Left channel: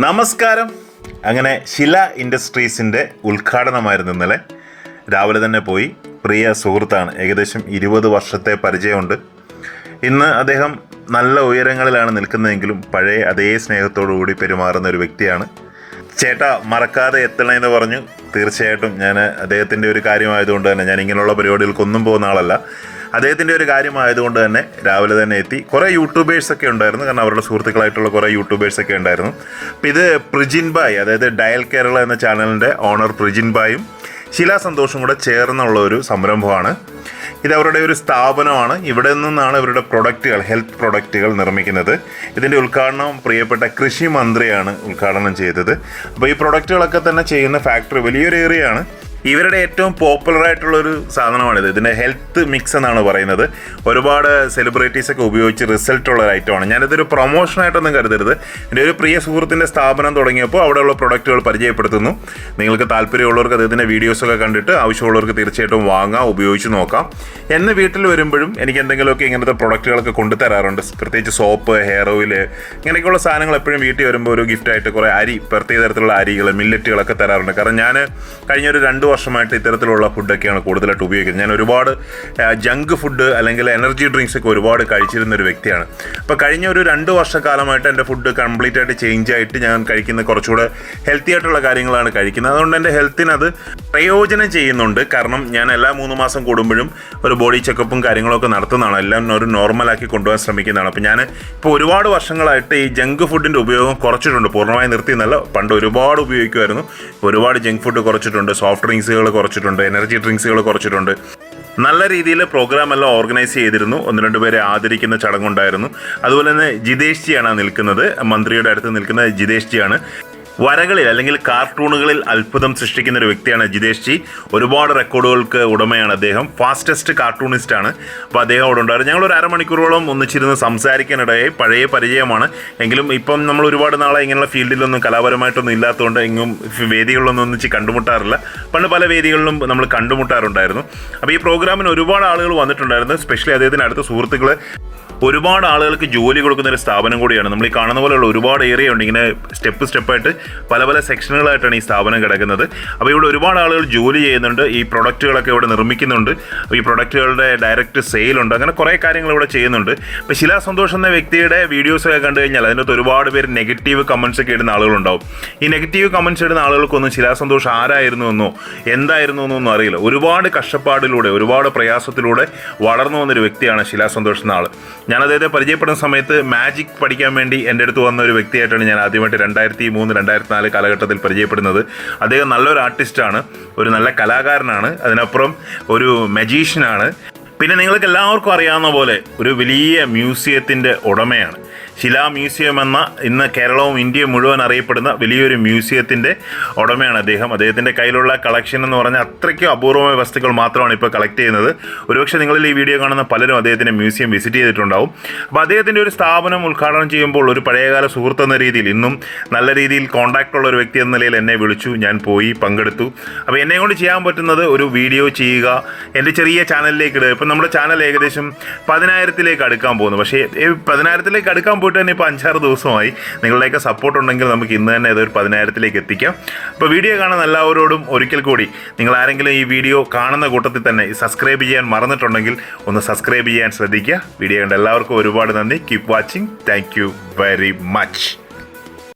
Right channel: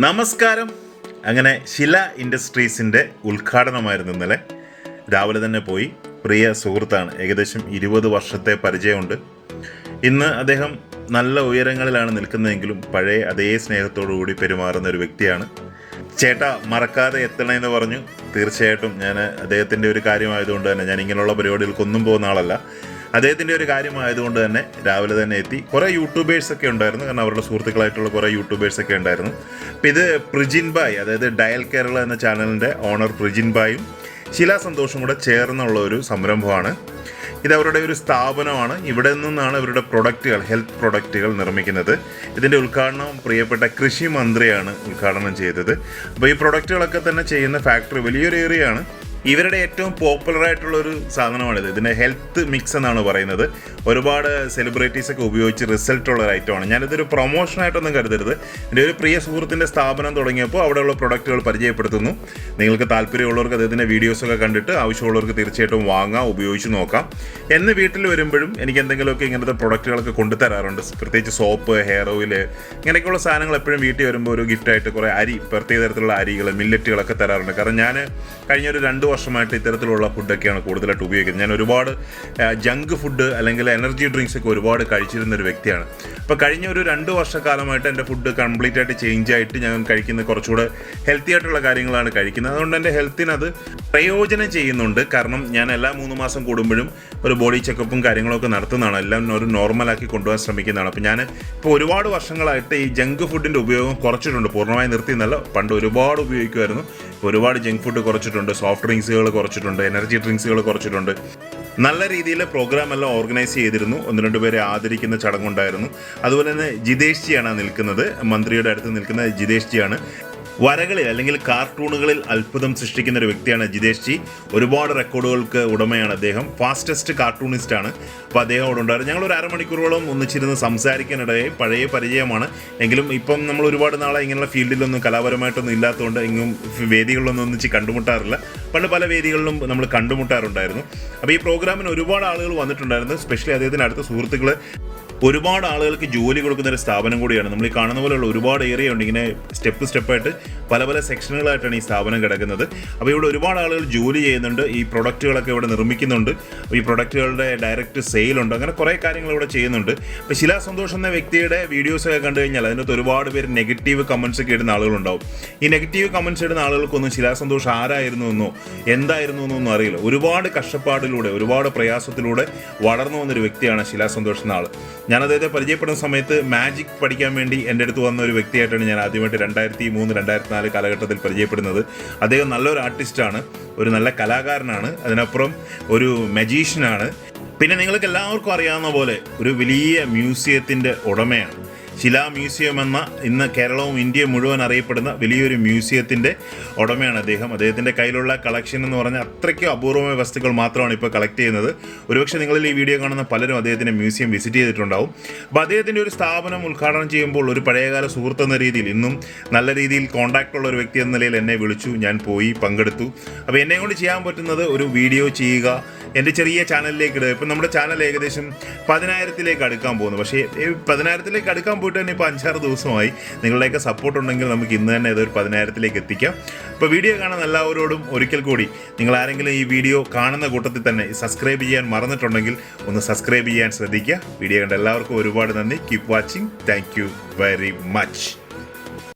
നമസ്കാരം. അങ്ങനെ ശില ഇൻഡസ്ട്രീസിന്റെ ഉദ്ഘാടനമായിരുന്നു ഇന്നലെ. രാവിലെ തന്നെ പോയി. പ്രിയ സുഹൃത്താണ്. ഏകദേശം ഇരുപത് വർഷത്തെ പരിചയമുണ്ട്. ഇന്ന് അദ്ദേഹം നല്ല ഉയരങ്ങളിലാണ് നിൽക്കുന്നതെങ്കിലും പഴയ അതേ സ്നേഹത്തോടു കൂടി പെരുമാറുന്ന ഒരു വ്യക്തിയാണ്. ചേട്ടാ മറക്കാതെ എത്തണമെന്ന് പറഞ്ഞു. തീർച്ചയായിട്ടും ഞാൻ അദ്ദേഹത്തിന്റെ ഒരു കാര്യമായതുകൊണ്ട് തന്നെ ഞാൻ ഇങ്ങനെയുള്ള പരിപാടികൾക്കൊന്നും പോകുന്ന ആളല്ല. അദ്ദേഹത്തിന്റെ ഒരു കാര്യമായതുകൊണ്ട് തന്നെ രാവിലെ തന്നെ എത്തി. കുറേ യൂട്യൂബേഴ്സൊക്കെ ഉണ്ടായിരുന്നു. കാരണം അവരുടെ സുഹൃത്തുക്കളായിട്ടുള്ള കുറേ യൂട്യൂബേഴ്സൊക്കെ ഉണ്ടായിരുന്നു. അപ്പം ഇത് പ്രിജിൻ ബായ് അതായത് ഡയൽ കേരള എന്ന ചാനലിന്റെ ഓണർ പ്രിജിൻ ബായും ശിലാ സന്തോഷും കൂടെ ചേർന്നുള്ള ഒരു സംരംഭമാണ്. ഇത് അവരുടെ ഒരു സ്ഥാപനമാണ്. ഇവിടെ നിന്നാണ് ഇവരുടെ പ്രൊഡക്റ്റുകൾ ഹെൽത്ത് പ്രൊഡക്റ്റുകൾ നിർമ്മിക്കുന്നത്. ഇതിന്റെ ഉദ്ഘാടനം പ്രിയപ്പെട്ട കൃഷി മന്ത്രിയാണ് ഉദ്ഘാടനം ചെയ്തത്. അപ്പോൾ ഈ പ്രൊഡക്റ്റുകളൊക്കെ തന്നെ ചെയ്യുന്ന ഫാക്ടറി വലിയൊരു ഏരിയയാണ് ഇവരുടെ ഏറ്റവും പോപ്പുലർ ആയിട്ടുള്ള ഒരു സാധനമാണിത്. ഇതിന്റെ ഹെൽത്ത് മിക്സ് എന്നാണ് പറയുന്നത്. ഒരുപാട് സെലിബ്രിറ്റീസ് ഒക്കെ ഉപയോഗിച്ച് റിസൾട്ട് ഉള്ള ഒരു ഐറ്റമാണ് ഞാനിതൊരു പ്രൊമോഷനായിട്ടൊന്നും കരുതരുത്. എന്റെ ഒരു പ്രിയ സുഹൃത്തിന്റെ സ്ഥാപനം തുടങ്ങിയപ്പോൾ അവിടെയുള്ള പ്രൊഡക്റ്റുകൾ പരിചയപ്പെടുത്തുന്നു. നിങ്ങൾക്ക് താല്പര്യമുള്ളവർക്ക് അദ്ദേഹത്തിന്റെ വീഡിയോസൊക്കെ കണ്ടിട്ട് ആവശ്യമുള്ളവർക്ക് തീർച്ചയായിട്ടും വാങ്ങാം ഉപയോഗിച്ച് നോക്കാം. എന്ന് വീട്ടിൽ വരുമ്പോഴും എനിക്ക് എന്തെങ്കിലുമൊക്കെ ഇങ്ങനത്തെ പ്രൊഡക്റ്റുകളൊക്കെ കൊണ്ടുതരാറുണ്ട് പ്രത്യേകിച്ച് സോപ്പ് ഹെയർ ഓയിൽ ഇങ്ങനെയൊക്കെയുള്ള സാധനങ്ങൾ എപ്പോഴും വീട്ടിൽ വരുമ്പോൾ ഒരു ഗിഫ്റ്റായിട്ട് കുറേ അരി പ്രത്യേക തരത്തിലുള്ള അരികൾ മില്ലറ്റുകളൊക്കെ തരാറുണ്ട്. കാരണം ഞാൻ കഴിഞ്ഞ ഒരു രണ്ട് വർഷമായിട്ട് ഇത്തരത്തിലുള്ള ഫുഡൊക്കെയാണ് കൂടുതലായിട്ട് ഉപയോഗിക്കുന്നത്. ഞാൻ ഒരുപാട് ജങ്ക് ഫുഡ് അല്ലെങ്കിൽ എനർജി ഡ്രിങ്ക്സ് ഒക്കെ ഒരുപാട് കഴിച്ചിരുന്ന ഒരു വ്യക്തിയാണ്. അപ്പോൾ കഴിഞ്ഞ ഒരു രണ്ട് വർഷക്കാലമായിട്ട് എന്റെ ഫുഡ് കംപ്ലീറ്റ് ആയിട്ട് ചേഞ്ച് ആയിട്ട് ഞാൻ കഴിക്കുന്ന കുറച്ചുകൂടെ ഹെൽത്തി ആയിട്ടുള്ള കാര്യങ്ങളാണ് കഴിക്കുന്നത്. അതുകൊണ്ട് എന്റെ ഹെൽത്തിനത് പ്രയോജനം ചെയ്യുന്നുണ്ട്. കാരണം ഞാൻ എല്ലാ മൂന്ന് മാസം കൂടുമ്പോഴും ഒരു ബോഡി ചെക്കപ്പും കാര്യങ്ങളൊക്കെ നടത്തുന്നതാണ്. എല്ലാം ഒരു നോർമലാക്കി കൊണ്ടുപോകാൻ ശ്രമിക്കുന്നതാണ്. അപ്പോൾ ഞാൻ ഇപ്പോൾ ഒരുപാട് വർഷങ്ങളായിട്ട് ഈ ജങ്ക് ഫുഡിന്റെ ഉപയോഗം കുറച്ചിട്ടുണ്ട്. പൂർണമായി നിർത്തി എന്നല്ല പണ്ട് ഒരുപാട് ഉപയോഗിക്കുമായിരുന്നു. ഒരുപാട് ജങ്ക് ഫുഡ് കുറച്ചിട്ടുണ്ട്. സോഫ്റ്റ് ഡ്രിങ്ക്സുകൾ കുറച്ചിട്ടുണ്ട് എനർജി ഡ്രിങ്ക്സുകൾ കുറച്ചിട്ടുണ്ട്. നല്ല രീതിയിൽ പ്രോഗ്രാം എല്ലാം ഓർഗനൈസ് ചെയ്തിരുന്നു. ഒന്ന് രണ്ട് പേരെ ആദരിക്കുന്ന ചടങ്ങുണ്ടായിരുന്നു. അതുപോലെ തന്നെ ജിതേഷ് ജിയാണ് നിൽക്കുന്നത്. മന്ത്രിയുടെ അടുത്ത് നിൽക്കുന്ന ജിതേഷ് ജിയാണ്. വരകളിൽ അല്ലെങ്കിൽ കാർട്ടൂണുകളിൽ അത്ഭുതം സൃഷ്ടിക്കുന്ന ഒരു വ്യക്തിയാണ് ജിതേഷ് ജി. ഒരുപാട് റെക്കോർഡുകൾക്ക് ഉടമയാണ് അദ്ദേഹം. ഫാസ്റ്റസ്റ്റ് കാർട്ടൂണിസ്റ്റ് ആണ് അപ്പോൾ അദ്ദേഹം അവിടെ ഉണ്ടായിരുന്നു. ഞങ്ങൾ ഒരു അരമണിക്കൂറോളം ഒന്നിച്ചിരുന്ന് സംസാരിക്കാനിടയായി. പഴയ പരിചയമാണ്. എങ്കിലും ഇപ്പം നമ്മൾ ഒരുപാട് നാളെ ഇങ്ങനെയുള്ള ഫീൽഡിലൊന്നും കലാപരമായിട്ടൊന്നും ഇല്ലാത്തതുകൊണ്ട് എങ്ങും വേദികളിലൊന്നും ഒന്നിച്ച് കണ്ടുമുട്ടാറില്ല. പണ്ട് പല വേദികളിലും നമ്മൾ കണ്ടുമുട്ടാറുണ്ടായിരുന്നു. അപ്പോൾ ഈ പ്രോഗ്രാമിന് ഒരുപാട് ആളുകൾ വന്നിട്ടുണ്ടായിരുന്നു. സ്പെഷ്യലി അദ്ദേഹത്തിന് അടുത്ത സുഹൃത്തുക്കൾ ഒരുപാട് ആളുകൾക്ക് ജോലി കൊടുക്കുന്ന ഒരു സ്ഥാപനം കൂടിയാണ്. നമ്മൾ ഈ കാണുന്ന പോലെയുള്ള ഒരുപാട് ഏരിയ ഉണ്ട്. ഇങ്ങനെ സ്റ്റെപ്പ് സ്റ്റെപ്പായിട്ട് പല പല സെക്ഷനുകളായിട്ടാണ് ഈ സ്ഥാപനം കിടക്കുന്നത്. അപ്പോൾ ഇവിടെ ഒരുപാട് ആളുകൾ ജോലി ചെയ്യുന്നുണ്ട്. ഈ പ്രൊഡക്റ്റുകളൊക്കെ ഇവിടെ നിർമ്മിക്കുന്നുണ്ട്. ഈ പ്രൊഡക്റ്റുകളുടെ ഡയറക്റ്റ് സെയിലുണ്ട്. അങ്ങനെ കുറേ കാര്യങ്ങൾ ഇവിടെ ചെയ്യുന്നുണ്ട്. അപ്പോൾ ശിലാ സന്തോഷ് എന്ന വ്യക്തിയുടെ വീഡിയോസൊക്കെ കണ്ടു കഴിഞ്ഞാൽ അതിനകത്ത് ഒരുപാട് പേര് നെഗറ്റീവ് കമൻസ് ഒക്കെ ഇടുന്ന ആളുകളുണ്ടാവും. ഈ നെഗറ്റീവ് കമൻസ് ഇടുന്ന ആളുകൾക്കൊന്നും ശിലാ സന്തോഷ് ആരായിരുന്നു എന്നോ എന്തായിരുന്നു എന്നൊന്നും അറിയില്ല. ഒരുപാട് കഷ്ടപ്പാടിലൂടെ ഒരുപാട് പ്രയാസത്തിലൂടെ വളർന്നു വന്നൊരു വ്യക്തിയാണ് ശിലാ സന്തോഷ് എന്ന ആൾ ഞാൻ അദ്ദേഹത്തെ പരിചയപ്പെടുന്ന സമയത്ത് മാജിക് പഠിക്കാൻ വേണ്ടി എന്റെ അടുത്ത് വന്ന ഒരു വ്യക്തിയായിട്ടാണ് ഞാൻ ആദ്യമായിട്ട് രണ്ടായിരത്തി മൂന്ന് രണ്ടായിരത്തി നാല് കാലഘട്ടത്തിൽ പരിചയപ്പെടുന്നത്. അദ്ദേഹം നല്ലൊരു ആർട്ടിസ്റ്റാണ് ഒരു നല്ല കലാകാരനാണ് അതിനപ്പുറം ഒരു മജീഷ്യനാണ് പിന്നെ നിങ്ങൾക്ക് എല്ലാവർക്കും അറിയാവുന്ന പോലെ ഒരു വലിയ മ്യൂസിയത്തിന്റെ ഉടമയാണ്. ശിലാ മ്യൂസിയം എന്ന ഇന്ന് കേരളവും ഇന്ത്യയും മുഴുവൻ അറിയപ്പെടുന്ന വലിയൊരു മ്യൂസിയത്തിന്റെ ഉടമയാണ് അദ്ദേഹം. അദ്ദേഹത്തിന്റെ കയ്യിലുള്ള കളക്ഷൻ എന്ന് പറഞ്ഞാൽ അത്രയ്ക്കും അപൂർവമായ വസ്തുക്കൾ മാത്രമാണ് ഇപ്പോൾ കളക്ട് ചെയ്യുന്നത്. ഒരുപക്ഷെ നിങ്ങളിൽ ഈ വീഡിയോ കാണുന്ന പലരും അദ്ദേഹത്തിന്റെ മ്യൂസിയം വിസിറ്റ് ചെയ്തിട്ടുണ്ടാവും. അപ്പോൾ അദ്ദേഹത്തിന്റെ ഒരു സ്ഥാപനം ഉദ്ഘാടനം ചെയ്യുമ്പോൾ ഒരു പഴയകാല സുഹൃത്ത് എന്ന രീതിയിൽ ഇന്നും നല്ല രീതിയിൽ കോൺടാക്റ്റ് ഉള്ള ഒരു വ്യക്തി എന്ന നിലയിൽ എന്നെ വിളിച്ചു. ഞാൻ പോയി പങ്കെടുത്തു. അപ്പോൾ എന്നെ കൊണ്ട് ചെയ്യാൻ പറ്റുന്നത് ഒരു വീഡിയോ ചെയ്യുക എന്റെ ചെറിയ ചാനലിലേക്ക് ഇടുക. ഇപ്പം നമ്മുടെ ചാനൽ ഏകദേശം പതിനായിരത്തിലേക്ക് അടുക്കാൻ പോകുന്നു. പക്ഷേ പതിനായിരത്തിലേക്ക് അടുക്കാൻ പോയിട്ട് തന്നെ ഇപ്പോൾ അഞ്ചാറ് ദിവസമായി. നിങ്ങളുടെയൊക്കെ സപ്പോർട്ട് ഉണ്ടെങ്കിൽ നമുക്ക് ഇന്ന് തന്നെ ഇതൊരു പതിനായിരത്തിലേക്ക് എത്തിക്കാം. അപ്പോൾ വീഡിയോ കാണുന്ന എല്ലാവരോടും ഒരിക്കൽ കൂടി നിങ്ങൾ ആരെങ്കിലും ഈ വീഡിയോ കാണുന്ന കൂട്ടത്തിൽ തന്നെ സബ്സ്ക്രൈബ് ചെയ്യാൻ മറന്നിട്ടുണ്ടെങ്കിൽ ഒന്ന് സബ്സ്ക്രൈബ് ചെയ്യാൻ ശ്രദ്ധിക്കുക. വീഡിയോ കണ്ട എല്ലാവർക്കും ഒരുപാട് നന്ദി. Keep watching thank very much